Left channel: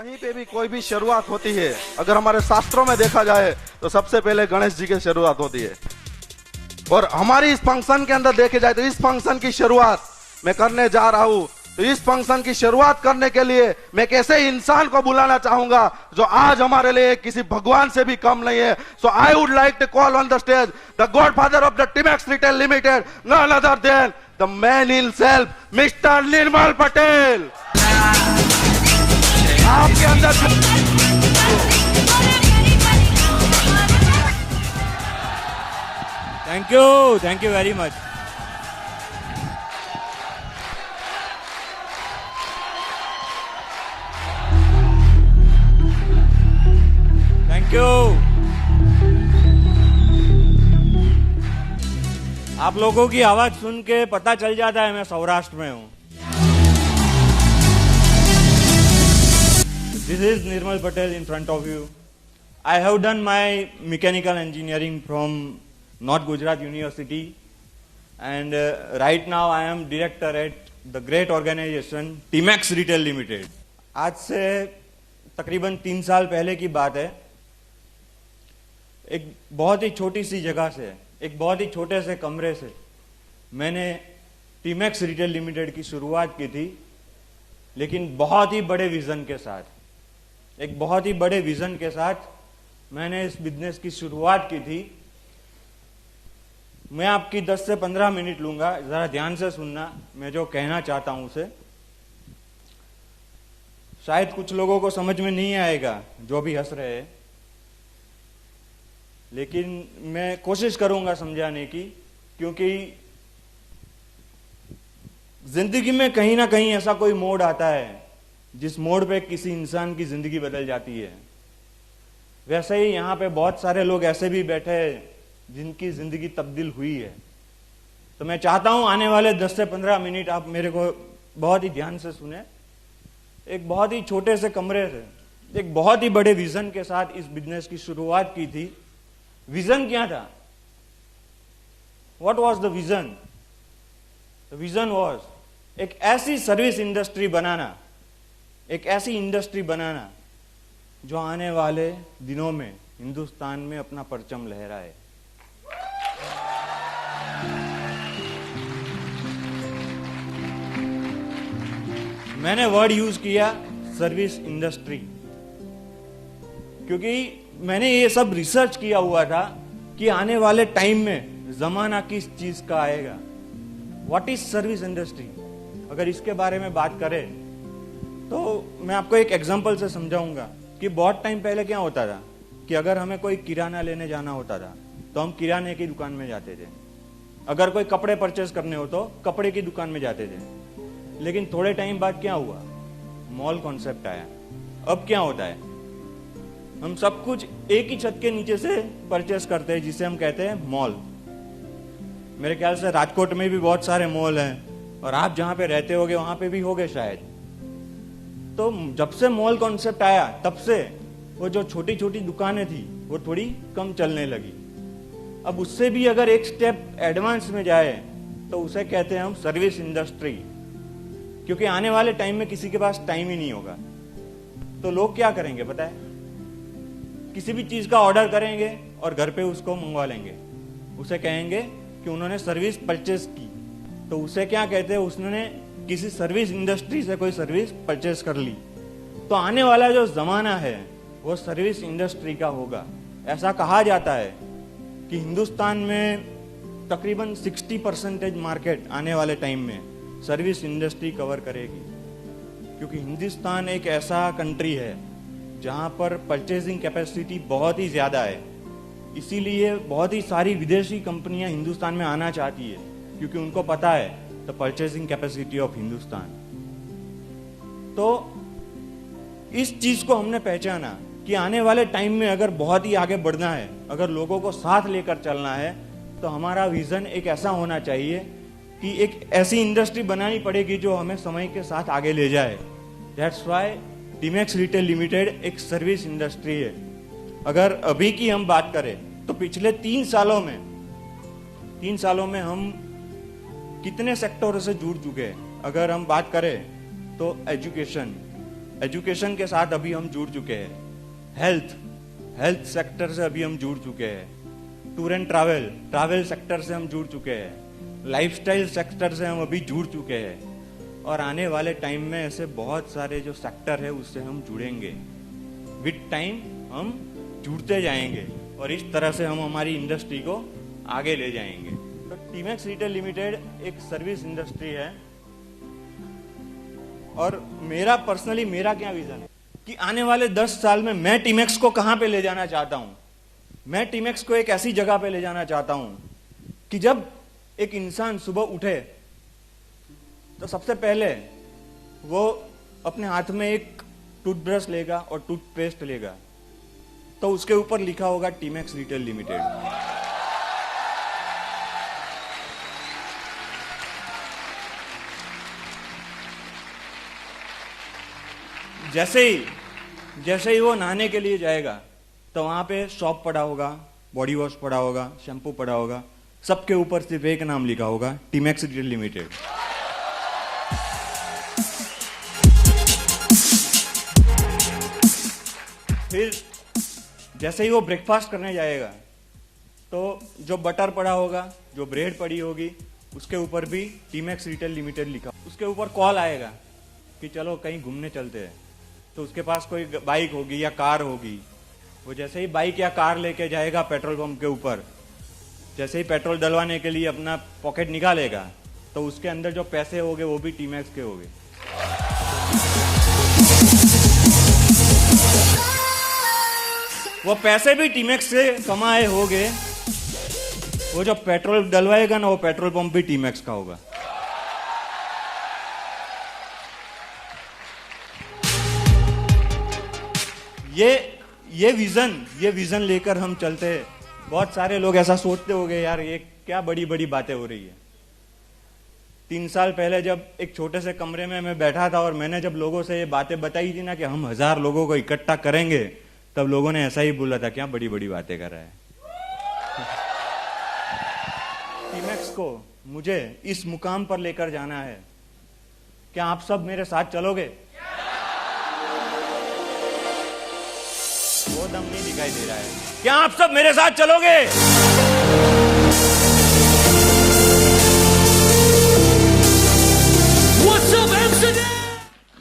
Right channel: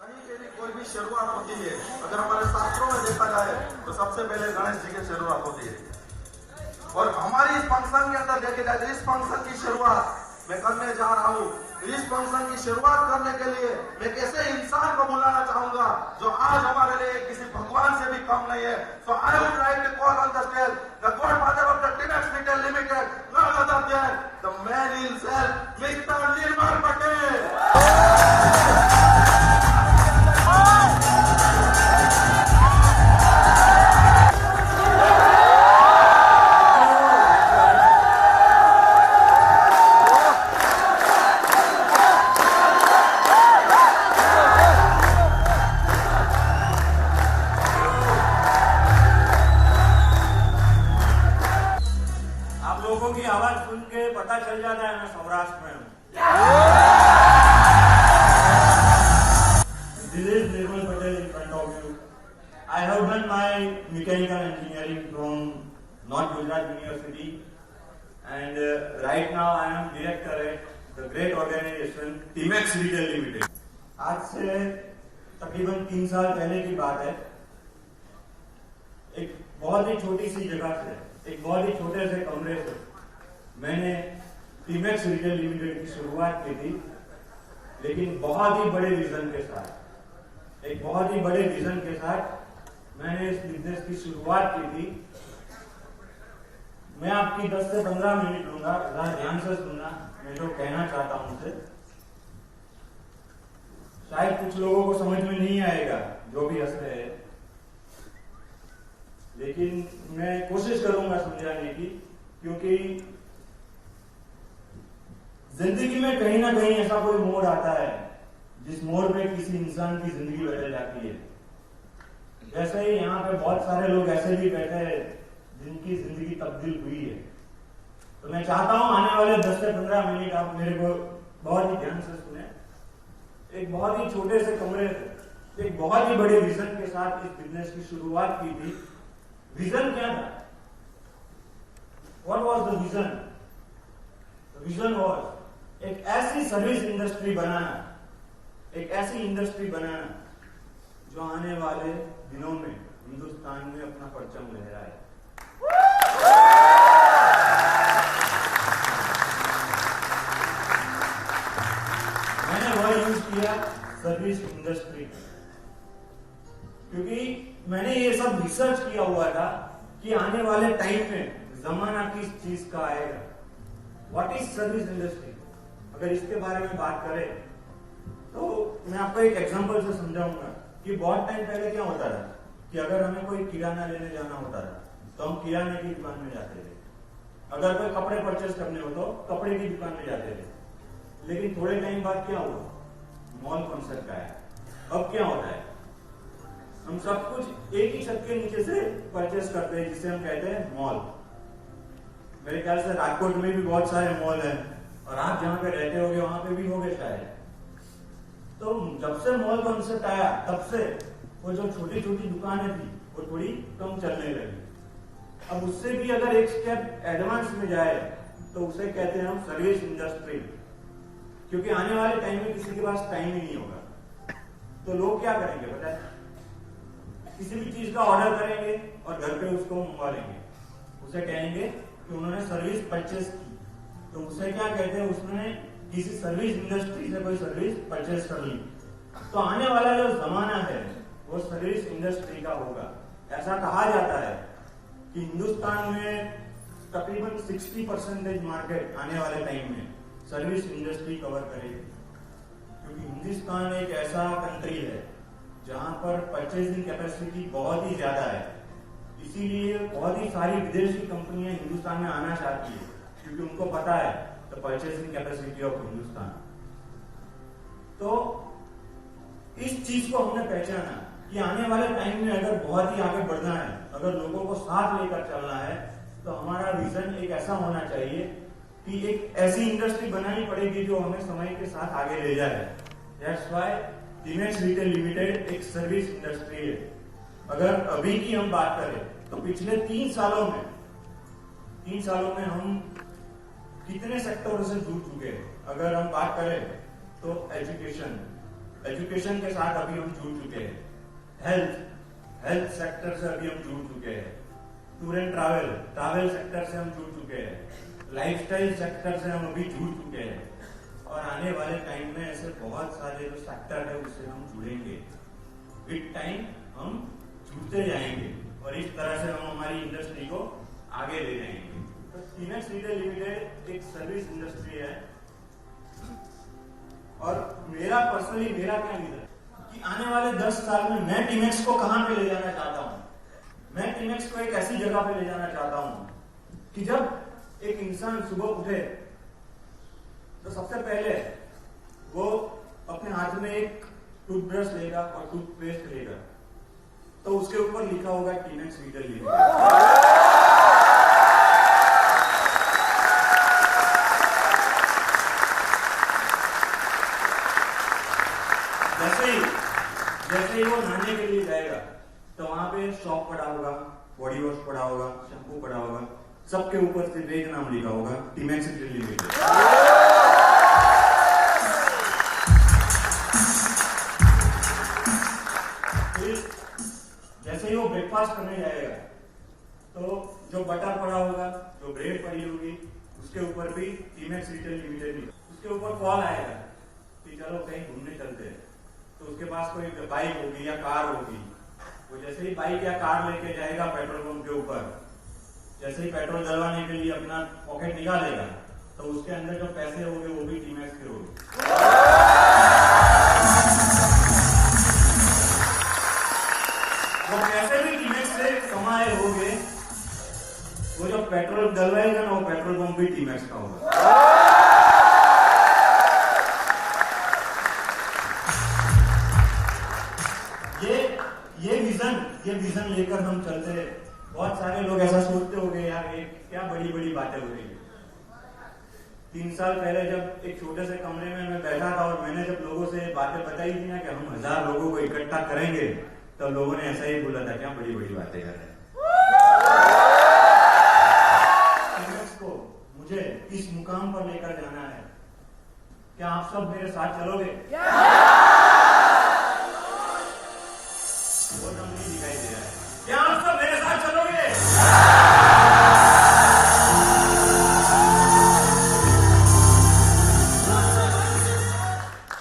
कहीं पे भी कोई भी शुरुआत होती है, अगर हमारे शास्त्रों में देखा जाए तो सबसे पहले गणेश जी की शुरुआत होती है। और हमारी इस फंक्शन के अंदर देखे जाए तो इस फंक्शन की शुरुआत मैं करने जा रहा हूं, तो इस फंक्शन की शुरुआत करने के लिए मैं एक ऐसे इंसान को बुलाना चाहूंगा जो आज हमारे लिए किसी भगवान से भी कम नहीं है। So I would like to call on the stage the godfather of the Timax retail limited, none other than the man himself, mister Nirmal Patel. आपके अंदर thank you very much. Thank you. आप लोगों की आवाज सुन के पता चल जाता है मैं सौराष्ट्र में हूं। This is Nirmal Patel in front of you. I have done my mechanical engineering from North Gujarat University, and right now I am director at the great organization Timax Retail Limited. आज से तकरीबन 3 साल पहले की बात है। एक बहुत ही छोटी सी जगह से, एक बहुत ही छोटे से कमरे से मैंने टीमैक्स रिटेल लिमिटेड की शुरुआत की थी, लेकिन बहुत ही बड़े विजन के साथ, एक बहुत ही बड़े विजन के साथ मैंने इस बिजनेस की शुरुआत की थी। मैं आपकी 10 से 15 मिनट लूंगा, जरा ध्यान से सुनना मैं जो कहना चाहता हूं उसे। शायद कुछ लोगों को समझ में नहीं आएगा जो भी हंस रहे हैं, लेकिन मैं कोशिश करूंगा समझाने की, क्योंकि जिंदगी में कहीं ना कहीं ऐसा कोई मोड़ आता है जिस मोड़ पे किसी इंसान की जिंदगी बदल जाती है। वैसे ही यहाँ पे बहुत सारे लोग ऐसे भी बैठे हैं जिनकी जिंदगी तब्दील हुई है। तो मैं चाहता हूं आने वाले 10 से 15 मिनट आप मेरे को बहुत ही ध्यान से सुने। एक बहुत ही छोटे से कमरे से एक बहुत ही बड़े विजन के साथ इस बिजनेस की शुरुआत की थी। विजन क्या था? What was the vision? The vision was एक ऐसी सर्विस इंडस्ट्री बनाना, एक ऐसी इंडस्ट्री बनाना जो आने वाले दिनों में हिंदुस्तान में अपना परचम लहराए। मैंने वर्ड यूज किया सर्विस इंडस्ट्री, क्योंकि मैंने ये सब रिसर्च किया हुआ था कि आने वाले टाइम में जमाना किस चीज का आएगा। What is service industry? अगर इसके बारे में बात करें तो मैं आपको एक एग्जांपल से समझाऊंगा कि बहुत टाइम पहले क्या होता था कि अगर हमें कोई किराना लेने जाना होता था तो हम किराने की दुकान में जाते थे। अगर कोई कपड़े परचेस करने हो तो कपड़े की दुकान में जाते थे। लेकिन थोड़े टाइम बाद क्या हुआ? मॉल कॉन्सेप्ट आया। अब क्या होता है? हम सब कुछ एक ही छत के नीचे से परचेस करते हैं, जिसे हम कहते हैं मॉल। मेरे ख्याल से राजकोट में भी बहुत सारे मॉल हैं और आप जहां पे रहते होगे वहां पे भी होगे शायद। तो जब से मॉल कॉन्सेप्ट आया तब से वो जो छोटी छोटी दुकानें थी वो थोड़ी कम चलने लगी। अब उससे भी अगर एक स्टेप एडवांस में जाए तो उसे कहते हैं हम सर्विस इंडस्ट्री, क्योंकि आने वाले टाइम में किसी के पास टाइम ही नहीं होगा। तो लोग क्या करेंगे पता है? किसी भी चीज का ऑर्डर करेंगे और घर पे उसको मंगवा लेंगे। उसे कहेंगे कि उन्होंने सर्विस परचेस की, तो उसे क्या कहते हैं? उसने किसी सर्विस इंडस्ट्री से कोई सर्विस परचेस कर ली। तो आने वाला जो जमाना है वो सर्विस इंडस्ट्री का होगा। ऐसा कहा जाता है कि हिंदुस्तान में तकरीबन 60% मार्केट आने वाले टाइम में सर्विस इंडस्ट्री कवर करेगी, क्योंकि हिंदुस्तान एक ऐसा कंट्री है जहां पर परचेजिंग कैपेसिटी बहुत ही ज्यादा है। इसीलिए बहुत ही सारी विदेशी कंपनियां हिंदुस्तान में आना चाहती है, क्योंकि उनको पता है the purchasing capacity of Hindustan. तो इस चीज को हमने पहचाना कि आने वाले टाइम में अगर बहुत ही आगे बढ़ना है, अगर लोगों को साथ लेकर चलना है, तो हमारा विजन एक ऐसा होना चाहिए कि एक ऐसी इंडस्ट्री बनानी पड़ेगी जो हमें समय के साथ आगे ले जाए। That's why TMAX retail limited एक सर्विस इंडस्ट्री है। अगर अभी की हम बात करें तो पिछले 3 सालों में हम कितने सेक्टरों से जुड़ चुके हैं। अगर हम बात करें तो एजुकेशन, एजुकेशन के साथ अभी हम जुड़ चुके हैं, हेल्थ सेक्टर से अभी हम जुड़ चुके हैं, टूर एंड ट्रैवल सेक्टर से हम जुड़ चुके हैं, लाइफस्टाइल सेक्टर से हम अभी जुड़ चुके हैं, और आने वाले टाइम में ऐसे बहुत सारे जो सेक्टर है उससे हम जुड़ेंगे। विद टाइम हम जुड़ते जाएंगे और इस तरह से हम हमारी इंडस्ट्री को आगे ले जाएंगे। तो टीमैक्स रिटेल लिमिटेड एक सर्विस इंडस्ट्री है, और मेरा क्या विजन है कि आने वाले 10 साल में मैं टीमैक्स को कहां पे ले जाना चाहता हूं। मैं टीमैक्स को एक ऐसी जगह पे ले जाना चाहता हूं कि जब एक इंसान सुबह उठे तो सबसे पहले वो अपने हाथ में एक टूथब्रश लेगा और टूथपेस्ट लेगा, तो उसके ऊपर लिखा होगा टीमैक्स रिटेल लिमिटेड। जैसे ही वो नहाने के लिए जाएगा तो वहां पे शॉप पड़ा होगा, बॉडी वॉश पड़ा होगा, शैम्पू पड़ा होगा, सबके ऊपर सिर्फ एक नाम लिखा होगा, टीमैक्स रिटेल लिमिटेड। फिर जैसे ही वो ब्रेकफास्ट करने जाएगा तो जो बटर पड़ा होगा, जो ब्रेड पड़ी होगी, उसके ऊपर भी टीमैक्स रिटेल लिमिटेड लिखा। उसके ऊपर कॉल आएगा कि चलो कहीं घूमने चलते हैं, तो उसके पास कोई बाइक होगी या कार होगी, वो जैसे ही बाइक या कार लेके जाएगा पेट्रोल पंप के ऊपर, जैसे ही पेट्रोल डलवाने के लिए अपना पॉकेट निकालेगा तो उसके अंदर जो पैसे होंगे वो भी टीमैक्स के होंगे। वो पैसे भी टीमैक्स से कमाए होंगे, वो जो पेट्रोल डलवाएगा ना वो पेट्रोल पंप भी टीमैक्स का होगा। ये विजन लेकर हम चलते हैं। बहुत सारे लोग ऐसा सोचते होंगे, यार ये क्या बड़ी बड़ी बातें हो रही है। 3 साल पहले जब एक छोटे से कमरे में मैं बैठा था और मैंने जब लोगों से ये बातें बताई थी ना कि हम 1000 लोगों को इकट्ठा करेंगे, तब लोगों ने ऐसा ही बोला था, क्या बड़ी बड़ी बातें कर रहे हैं। टीमैक्स को मुझे इस मुकाम पर लेकर जाना है। क्या आप सब मेरे साथ चलोगे? वो दम नहीं दिखाई दे रहा है। क्या आप सब मेरे साथ चलोगे?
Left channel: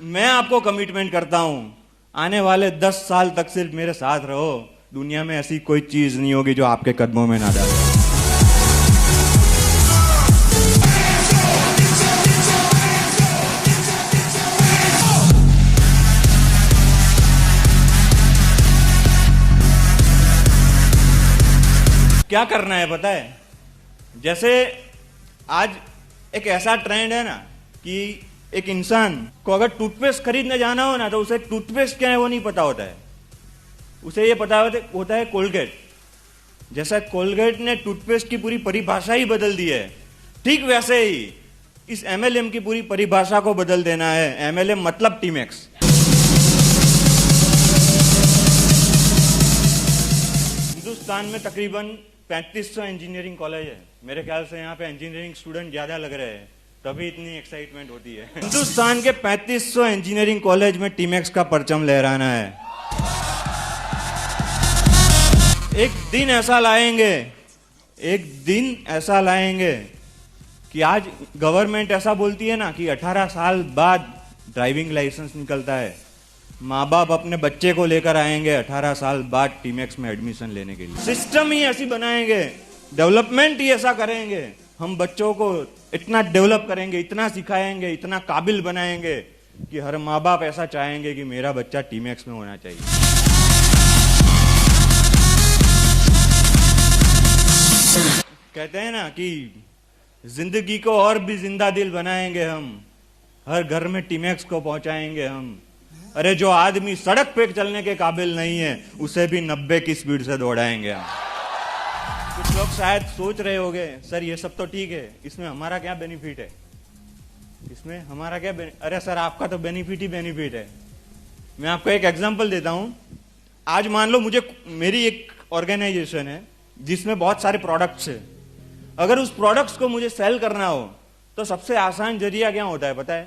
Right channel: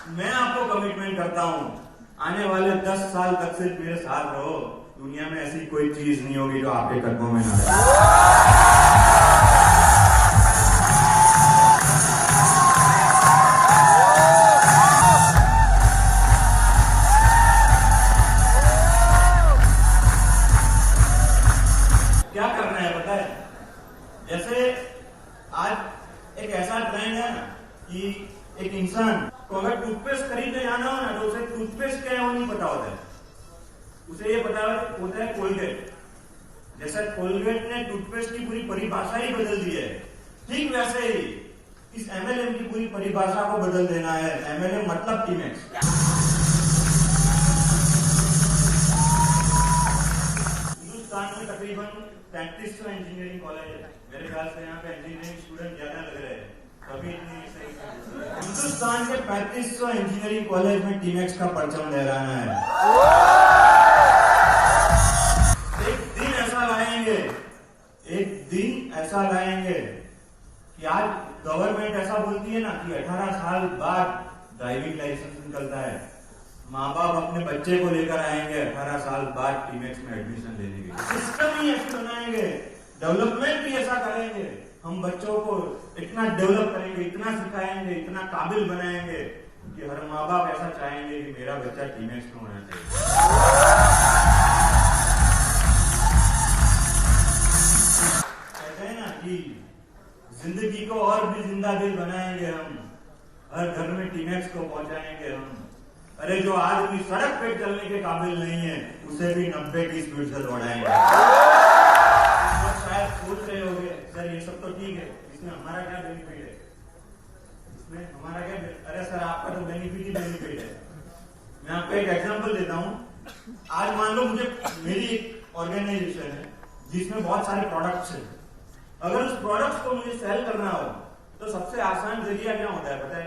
मैं आपको कमिटमेंट करता हूं, आने वाले 10 साल तक सिर्फ मेरे साथ रहो। दुनिया में ऐसी कोई चीज नहीं होगी जो आपके कदमों में ना जाए। क्या करना है पता है? जैसे आज एक ऐसा ट्रेंड है ना कि एक इंसान को अगर टूथपेस्ट खरीदने जाना हो ना तो उसे टूथपेस्ट क्या है वो नहीं पता होता है, उसे ये पता होता है कोलगेट। जैसा कोलगेट ने टूथपेस्ट की पूरी परिभाषा ही बदल दी है, ठीक वैसे ही इस एमएलएम की पूरी परिभाषा को बदल देना है। एमएलएम मतलब टीमैक्स। हिंदुस्तान में तकरीबन 3500 इंजीनियरिंग कॉलेज है। मेरे ख्याल से यहाँ पे इंजीनियरिंग स्टूडेंट ज्यादा लग रहे हैं, तभी इतनी एक्साइटमेंट होती है। हिंदुस्तान के 3500 इंजीनियरिंग कॉलेज में टीमैक्स का परचम लहराना है। एक दिन ऐसा लाएंगे कि आज गवर्नमेंट ऐसा बोलती है ना कि 18 साल बाद ड्राइविंग लाइसेंस निकलता है। माँ बाप अपने बच्चे को लेकर आएंगे 18 साल बाद टीमैक्स में एडमिशन लेने के लिए। सिस्टम ही ऐसी बनाएंगे, डेवलपमेंट ही ऐसा करेंगे, हम बच्चों को इतना डेवलप करेंगे, इतना सिखाएंगे, इतना काबिल बनाएंगे कि हर माँ बाप ऐसा चाहेंगे कि मेरा बच्चा टीमैक्स में होना चाहिए। कहते हैं ना कि जिंदगी को और भी जिंदा दिल बनाएंगे हम, हर घर में टीमैक्स को पहुंचाएंगे हम। अरे जो आदमी सड़क पे चलने के काबिल नहीं है उसे भी 90 की स्पीड से दौड़ाएंगे। लोग शायद सोच रहे होंगे, सर ये सब तो ठीक है, इसमें हमारा क्या बेनिफिट है, इसमें हमारा क्या अरे सर आपका तो बेनिफिट ही बेनिफिट है। मैं आपको एक एग्जांपल देता हूं। आज मान लो मेरी एक ऑर्गेनाइजेशन है जिसमें बहुत सारे प्रोडक्ट्स है। अगर उस प्रोडक्ट्स को मुझे सेल करना हो तो सबसे आसान जरिया क्या होता है पता है?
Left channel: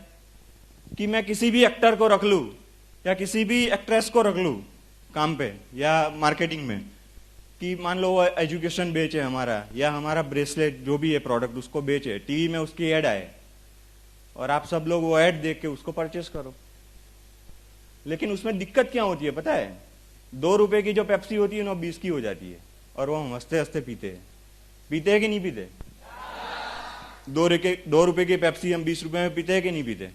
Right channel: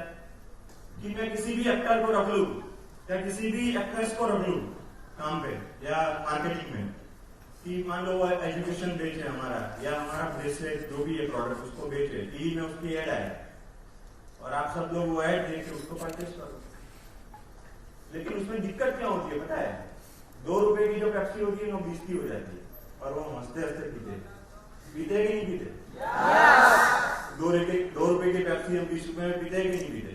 कि मैं किसी भी एक्टर को रख लूं या किसी भी एक्ट्रेस को रख लूँ काम पे या मार्केटिंग में, कि मान लो वो एजुकेशन बेचे हमारा, या हमारा ब्रेसलेट जो भी है प्रोडक्ट उसको बेचे, टीवी में उसकी ऐड आए और आप सब लोग वो ऐड देख के उसको परचेस करो। लेकिन उसमें दिक्कत क्या होती है पता है? 2 रुपए की जो पेप्सी होती है वो 20 की हो जाती है और वो हम हंसते हंसते पीते हैं कि नहीं पीते? 2 रुपए की पेप्सी हम 20 रुपए में पीते हैं कि नहीं पीते?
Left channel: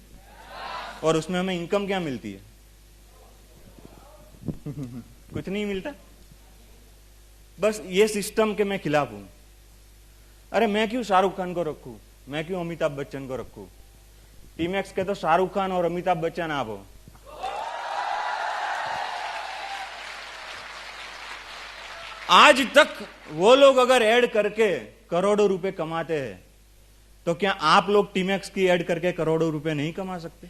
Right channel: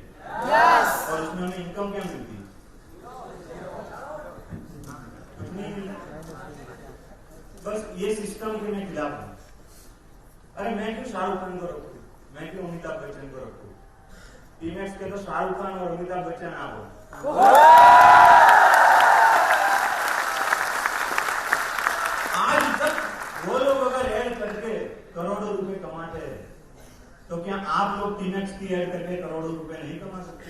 और उसमें हमें इनकम क्या मिलती है? कुछ नहीं मिलता। बस ये सिस्टम के मैं खिलाफ हूं। अरे मैं क्यों शाहरुख खान को रखूं, मैं क्यों अमिताभ बच्चन को रखूं? टीमैक्स के तो शाहरुख खान और अमिताभ बच्चन आप हो। आज तक वो लोग अगर ऐड करके करोड़ों रुपए कमाते हैं तो क्या आप लोग टीमैक्स की ऐड करके करोड़ों रुपए नहीं कमा सकते?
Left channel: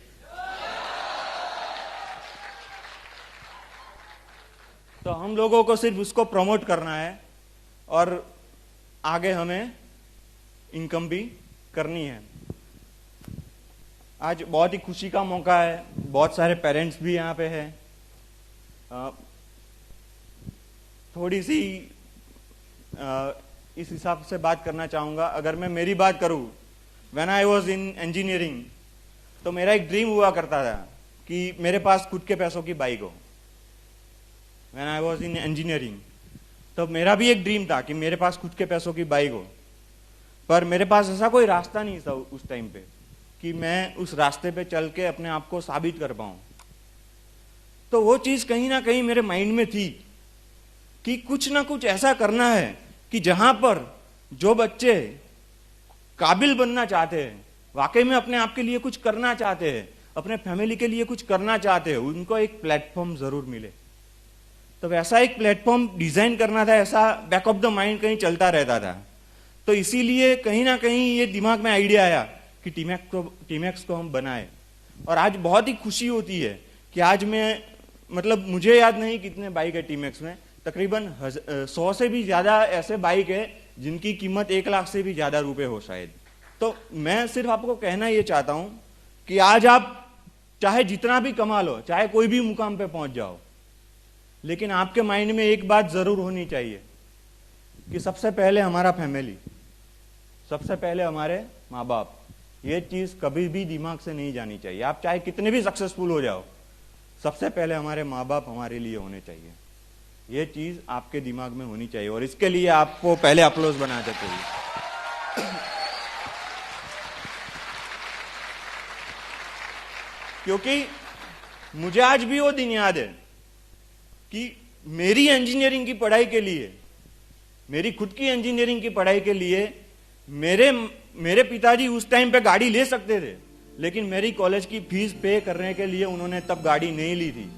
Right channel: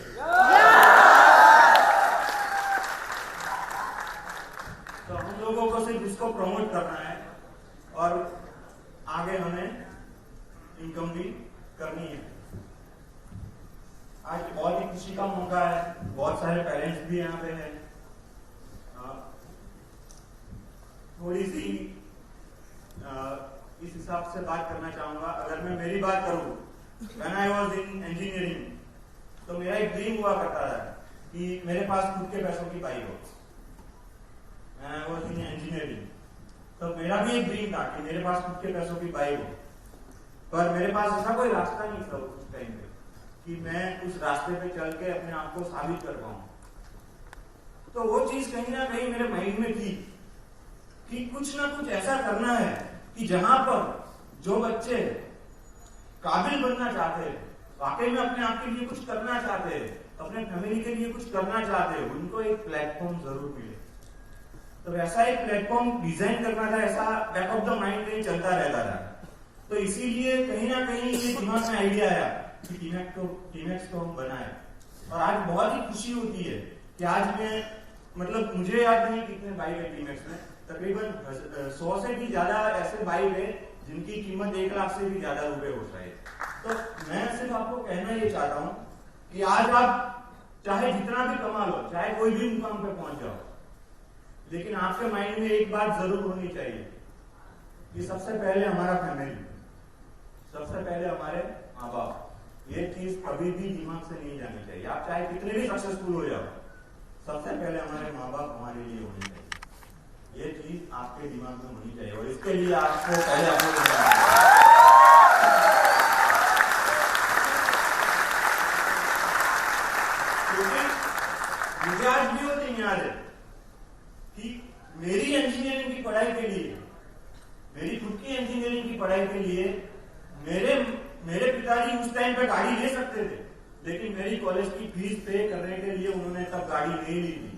तो हम लोगों को सिर्फ उसको प्रमोट करना है और आगे हमें इनकम भी करनी है। आज बहुत ही खुशी का मौका है, बहुत सारे पेरेंट्स भी यहाँ पे हैं। थोड़ी सी इस हिसाब से बात करना चाहूँगा। अगर मैं मेरी बात करूँ, when I was in engineering, तो मेरा एक ड्रीम हुआ करता था कि मेरे पास खुद के पैसों की बाइक हो। When I was in engineering तो मेरा भी एक ड्रीम था कि मेरे पास खुद के पैसों की बाइक हो, पर मेरे पास ऐसा कोई रास्ता नहीं था उस टाइम पे कि मैं उस रास्ते पे चल के अपने आप को साबित कर पाऊँ। तो वो चीज़ कहीं ना कहीं मेरे माइंड में थी कि कुछ ना कुछ ऐसा करना है कि जहां पर जो बच्चे काबिल बनना चाहते हैं, वाकई में अपने आप के लिए कुछ करना चाहते हैं, अपने फैमिली के लिए कुछ करना चाहते हैं, उनको एक प्लेटफॉर्म जरूर मिले। तो वैसा एक प्लेटफॉर्म डिजाइन करना था, ऐसा बैक ऑफ द माइंड कहीं चलता रहता था। तो इसीलिए कहीं ना कहीं ये दिमाग में आइडिया आया कि टीमैक्स को हम बनाए। और आज बहुत ही खुशी होती है कि आज मैं, मतलब मुझे याद नहीं कितने बाइक है टीमैक्स में, तकरीबन 100 से भी ज्यादा ऐसे बाइक है जिनकी कीमत 1 लाख से भी ज्यादा रुपए हो शायद। तो मैं सिर्फ आपको कहना ये चाहता हूं कि आज आप चाहे जितना भी कमा लो, चाहे कोई भी मुकाम पे पहुंच जाओ, लेकिन आपके माइंड में एक बात जरूर होनी चाहिए कि सबसे पहले हमारा फैमिली, सबसे पहले हमारे माँ बाप। ये चीज कभी भी दिमाग से नहीं जानी चाहिए। आप चाहे कितने भी सक्सेसफुल हो जाओ, सबसे पहले हमारे माँ बाप हमारे लिए होने चाहिए। ये चीज आपके दिमाग में होनी चाहिए और इसके लिए आपको पहले अप्रोच बना सकते हैं। क्योंकि मुझे आज भी वो दिन याद है कि मेरी इंजीनियरिंग की पढ़ाई के लिए, मेरी खुद की इंजीनियरिंग की पढ़ाई के लिए मेरे पिताजी उस टाइम पे गाड़ी ले सकते थे, लेकिन मेरी कॉलेज की फीस पे करने के लिए उन्होंने तब गाड़ी नहीं ली थी।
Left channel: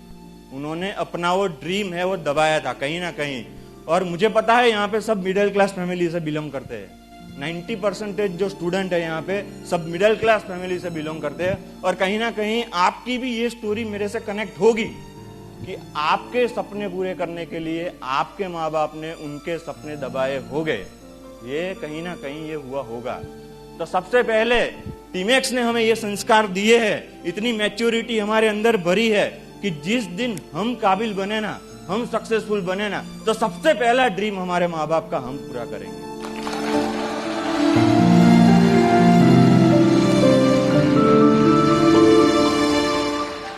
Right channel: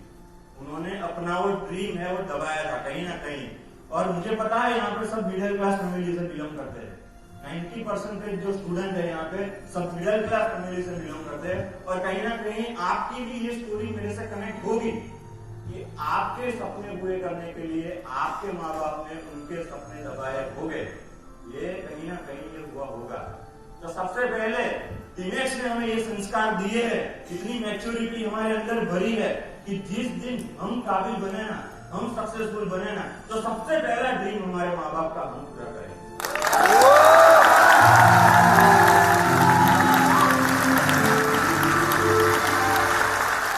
उन्होंने अपना वो ड्रीम है वो दबाया था कहीं ना कहीं। और मुझे पता है यहाँ पे सब मिडिल क्लास फैमिली से बिलोंग करते हैं। 90% जो स्टूडेंट है यहाँ पे सब मिडिल क्लास फैमिली से बिलोंग करते हैं। और कहीं ना कहीं आपकी भी ये स्टोरी मेरे से कनेक्ट होगी कि आपके सपने पूरे करने के लिए आपके माँ बाप ने उनके सपने दबाए हो गए। ये कहीं ना कहीं ये हुआ होगा। तो सबसे पहले टीमैक्स ने हमें ये संस्कार दिए हैं, इतनी मैच्योरिटी हमारे अंदर भरी है कि जिस दिन हम काबिल बने ना, हम सक्सेसफुल बने ना, तो सबसे पहला ड्रीम हमारे माँ बाप का हम पूरा करेंगे।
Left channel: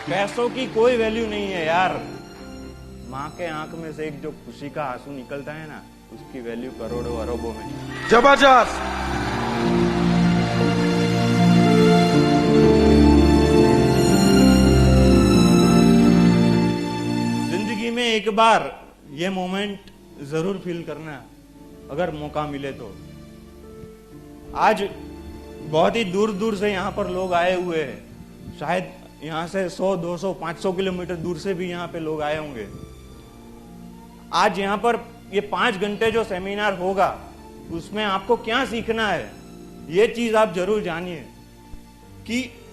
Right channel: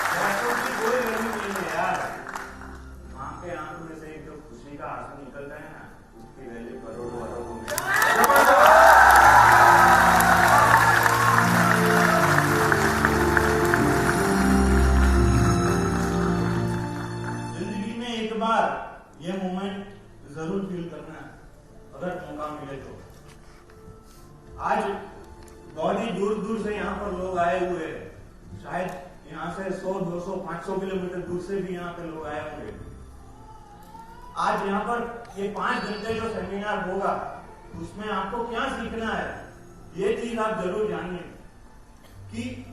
पैसों की कोई वैल्यू नहीं है यार। माँ के आंख में से एक जो खुशी का आंसू निकलता है ना, उसकी वैल्यू करोड़ों अरबों में। जबरदस्त। एक बार ये मोमेंट जरूर फील करना अगर मौका मिले तो। आज बहुत ही दूर दूर से यहाँ पर लोग आए हुए हैं, शायद यहाँ से 100, 200, 500 किलोमीटर दूर से भी यहाँ पे लोग आए होंगे। आज यहाँ पर ये 5 घंटे जो सेमिनार होगा उसमें आपको क्या सीखना है, ये चीज आप जरूर जानिए कि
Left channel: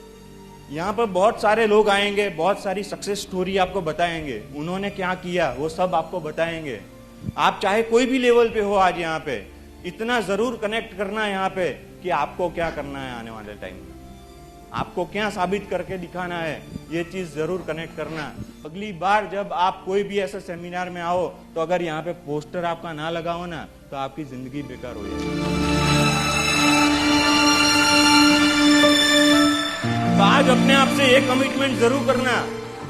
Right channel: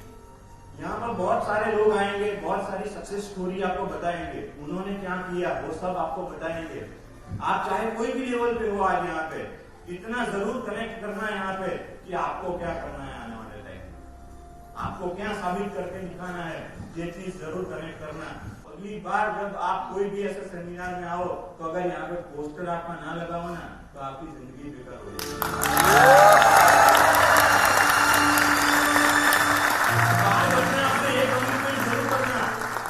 यहाँ पर बहुत सारे लोग आएंगे, बहुत सारी सक्सेस स्टोरी आपको बताएंगे, उन्होंने क्या किया वो सब आपको बताएंगे। आप चाहे कोई भी लेवल पे हो, आज यहाँ पे इतना जरूर कनेक्ट करना है यहाँ पे कि आपको क्या करना है आने वाले टाइम में। आपको क्या साबित करके दिखाना है, ये चीज जरूर कनेक्ट करना। अगली बार जब आप कोई भी ऐसा सेमिनार में आओ तो अगर यहाँ पे पोस्टर आपका ना लगा हो ना तो आपकी जिंदगी बेकार हो जाएगी। तो आज अपने आप से एक कमिटमेंट जरूर करना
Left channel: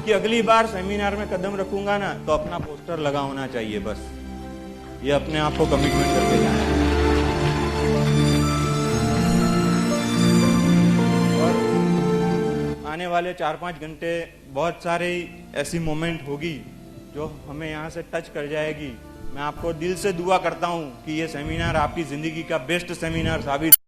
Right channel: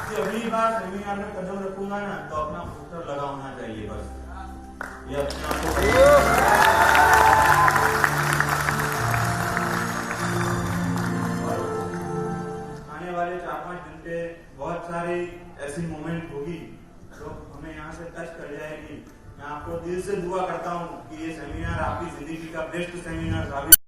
कि अगली बार सेमिनार में कदम रखूंगा ना तो अपना पोस्टर लगा होना चाहिए, बस ये अपने आप को कमिटमेंट करना। आने वाले 4-5 घंटे बहुत सारे ऐसी मोमेंट होगी जो हमें यहाँ से टच कर जाएगी। मैं आपको दिल से दुआ करता हूँ कि ये सेमिनार आपकी जिंदगी का बेस्ट सेमिनार साबित